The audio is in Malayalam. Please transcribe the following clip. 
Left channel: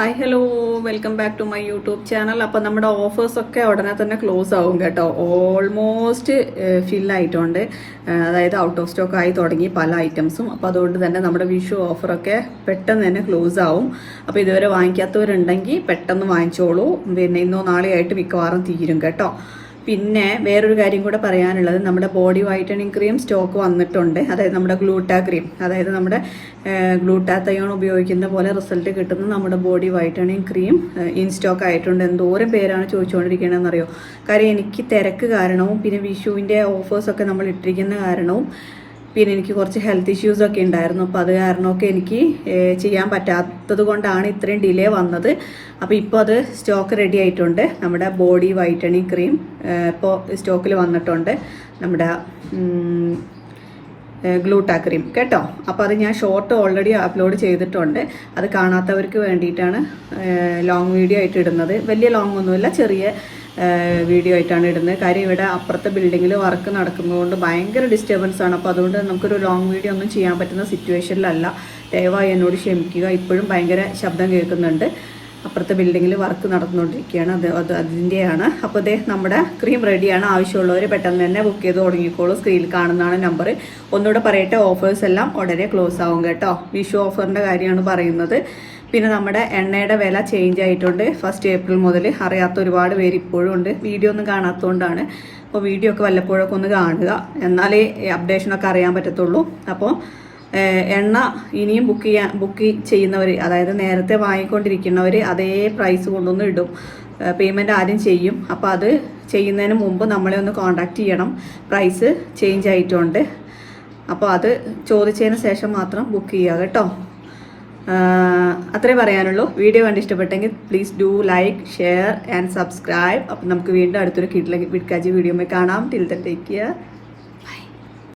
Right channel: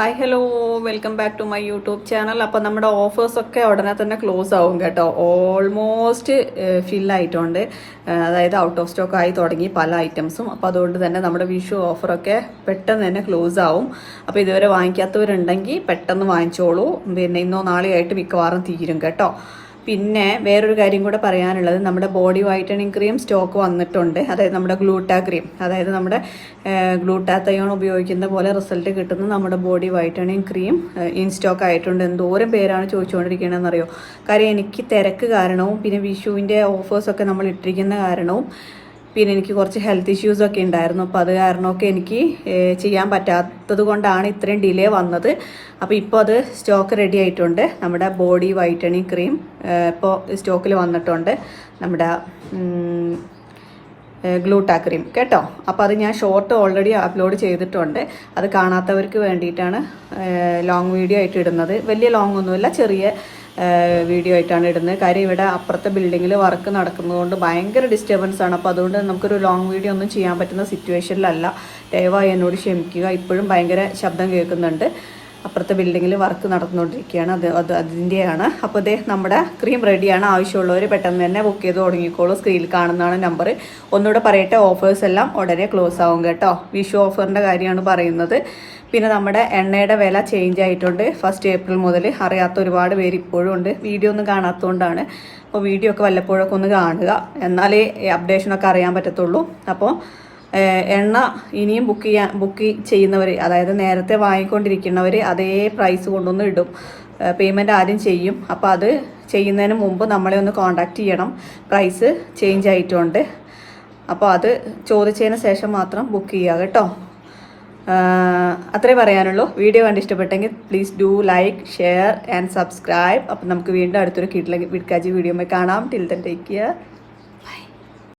Hi hello welcome back to my YouTube channel അപ്പം നമ്മുടെ ഓഫേഴ്സ് ഒക്കെ ഉടനെ തന്നെ ക്ലോസ് ആവും കേട്ടോ. ഓൾമോസ്റ്റ് ഏഹ് അതായത് ഔട്ട് ഓഫ് സ്റ്റോക്ക് ആയി തുടങ്ങി പല ഐറ്റംസും അപ്പോൾ അതുകൊണ്ട് തന്നെ നമ്മുടെ വിഷു ഓഫറൊക്കെ പെട്ടെന്ന് തന്നെ ക്ലോസ് ആവും. അപ്പോൾ ഇതുവരെ വാങ്ങിക്കാത്തവരുണ്ടെങ്കിൽ പെട്ടെന്ന് വാങ്ങിച്ചോളൂ. പിന്നെ ഇന്നോ നാളെയായിട്ട് മിക്കവാറും തീരും കേട്ടോ. പിന്നെ വേറൊരു കാര്യം കൂടെ പറയാനുള്ളത്. നമ്മുടെ ബോഡി വൈറ്റനിങ് ക്രീം സ്റ്റോക്ക് വന്നിട്ടുണ്ട്. അതായത് നമ്മുടെ ഗ്ലൂട്ടാ ക്രീം അതായത് നമ്മുടെ ഗ്ലൂട്ടാത്തയോൺ ഉപയോഗിക്കുന്ന പോലെ റിസൾട്ട് കിട്ടുന്ന നമ്മുടെ body whitening cream in stock ആയിട്ടുണ്ട്. എന്തോരം പേരാണ് ചോദിച്ചുകൊണ്ടിരിക്കണമെന്ന് അറിയോ കാര്യം എനിക്ക് തിരക്ക് കാരണവും പിന്നെ വിഷുവിന്റെ ഓഫേഴ്സൊക്കെ നമ്മൾ ഇട്ടിരിക്കുന്ന കാരണവും പിന്നെ എനിക്ക് കുറച്ച് ഹെൽത്ത് ഇഷ്യൂസൊക്കെ ഉണ്ടായിരുന്നു. അപ്പോൾ അത് കാരണമൊക്കെ എനിക്ക് ചെയ്യാൻ പറ്റാത്തത് കൊണ്ടാണ് ഇത്രയും ഡിലേ വന്നത്. അപ്പോൾ ഇപ്പോൾ അത് സ്റ്റോക്ക് റെഡി ആയിട്ടുണ്ട്. നമ്മുടെ ബോഡി വൈറ്റണിങ് ക്രീം ഇപ്പോൾ സ്റ്റോക്കിൽ വന്നിട്ടുണ്ട്. നമ്മുടെ ഗ്ലൂട്ടാ ക്രീം കേട്ടോ? അപ്പോൾ അത് ഞാൻ ഷോർട്ട് ഓൾറെഡി അപ്ലോഡ് ചെയ്തിട്ടുണ്ട്. അത് കാണാത്തവർക്ക് വേണ്ടിയിട്ടാണ് ലോങ് വീഡിയോ ആയിട്ട് ഇടുന്നത്. വലിയ ലോങ് ഒന്നുമില്ല ചെറിയ വീഡിയോ ആയിട്ടാണ് ഇടുന്നത്. കാര്യം ഇവിടെ അപ്പുറത്തെ ബിൽഡിങ്ങിൽ വർക്ക് നടക്കുന്നതുകൊണ്ട് ഭയങ്കര ഡിസ്റ്റർബൻസ് ആണ്. അപ്പോൾ അതുകൊണ്ട് നമുക്കൊരു ലോങ് വീഡിയോ ഒന്നും ചെയ്യാൻ പറ്റുന്ന സിറ്റുവേഷനിലല്ല ദയവായി എന്നോട് ക്ഷമിക്കുക. ഇപ്പോഴും ഭയങ്കര ശബ്ദം കേൾക്കുന്നുണ്ട്. അപ്പുറത്തെ ബിൽഡിങ്ങിൽ വർക്ക് നടന്നുകൊണ്ടിരിക്കുകയാണ്. അത് അത് അതിന്റെയാണ് അപ്പോൾ ഇതേ നമ്മുടെ ക്രീം റെഡിയാണ് ആവശ്യമുള്ളവർ പെട്ടെന്ന് തന്നെ ബുക്ക് ചെയ്ത് തുടങ്ങിക്കോളൂ. സ്ക്രീനിൽ കാണുന്നതാണ് നമ്പർ ഒന്നുകൂടെ പറയട്ടെ ഓഫേഴ്സ് എല്ലാം ഉടനെ ക്ലോസ് ആവും കേട്ടോ. വിഷു ഓഫറിന്റെ കാര്യമാണ് പറയുന്നത്. പിന്നെ നമ്മുടെ എണ്ണയുടെ വില ചേഞ്ച് ആയിട്ടുണ്ട്. ഫസ്റ്റ് ഏപ്രിൽ മുതൽ അറിയാത്ത ഒരുപാട് പേര് ഇപ്പോഴും ഉണ്ട്. വീഡിയോ ഒന്നും കാണാത്തതുകൊണ്ടാണ്. അപ്പോൾ വീഡിയോ ഒക്കെ വല്ലപ്പോഴൊക്കെ ഒന്ന് കാണുക. എന്നാലേ അപ്ഡേഷനൊക്കെ അറിയാൻ പറ്റത്തുള്ളൂ. അപ്പോൾ എണ്ണ ഇനിയും ബുക്ക് ചെയ്യാൻ ബുക്ക് ചെയ്യുന്നവർ അതായത് നേരത്തെ വാങ്ങിക്കൊണ്ടിരിക്കുന്നവർ അതേ പ്രൈസ് കൊണ്ടൊന്ന് ഇടും. പേയ്മെന്റ് ആദ്യം ചെയ്യും. അപ്പോൾ അത് ചെയ്യുന്നതിന് മുമ്പ് നമ്മളെ ഒന്ന് കോണ്ടാക്ട് ചെയ്യണം. പ്രൈസ് ചേഞ്ച് ആയിട്ടുണ്ട്. അപ്പോൾ അത് ചോദിച്ചതിന് ശേഷം മാത്രം ബുക്ക് ചെയ്യുക കേട്ടോ. അത്രേ പറയാനുള്ളൂ. വീഡിയോ കണ്ട് ഇഷ്ടപ്പെട്ടെങ്കിൽ please do like share and subscribe അപ്പം നമുക്ക് വീണ്ടും അടുത്തൊരു കിട്ടിലെ വിഡ്കാജി വീഡിയോ കാണാം. Till take care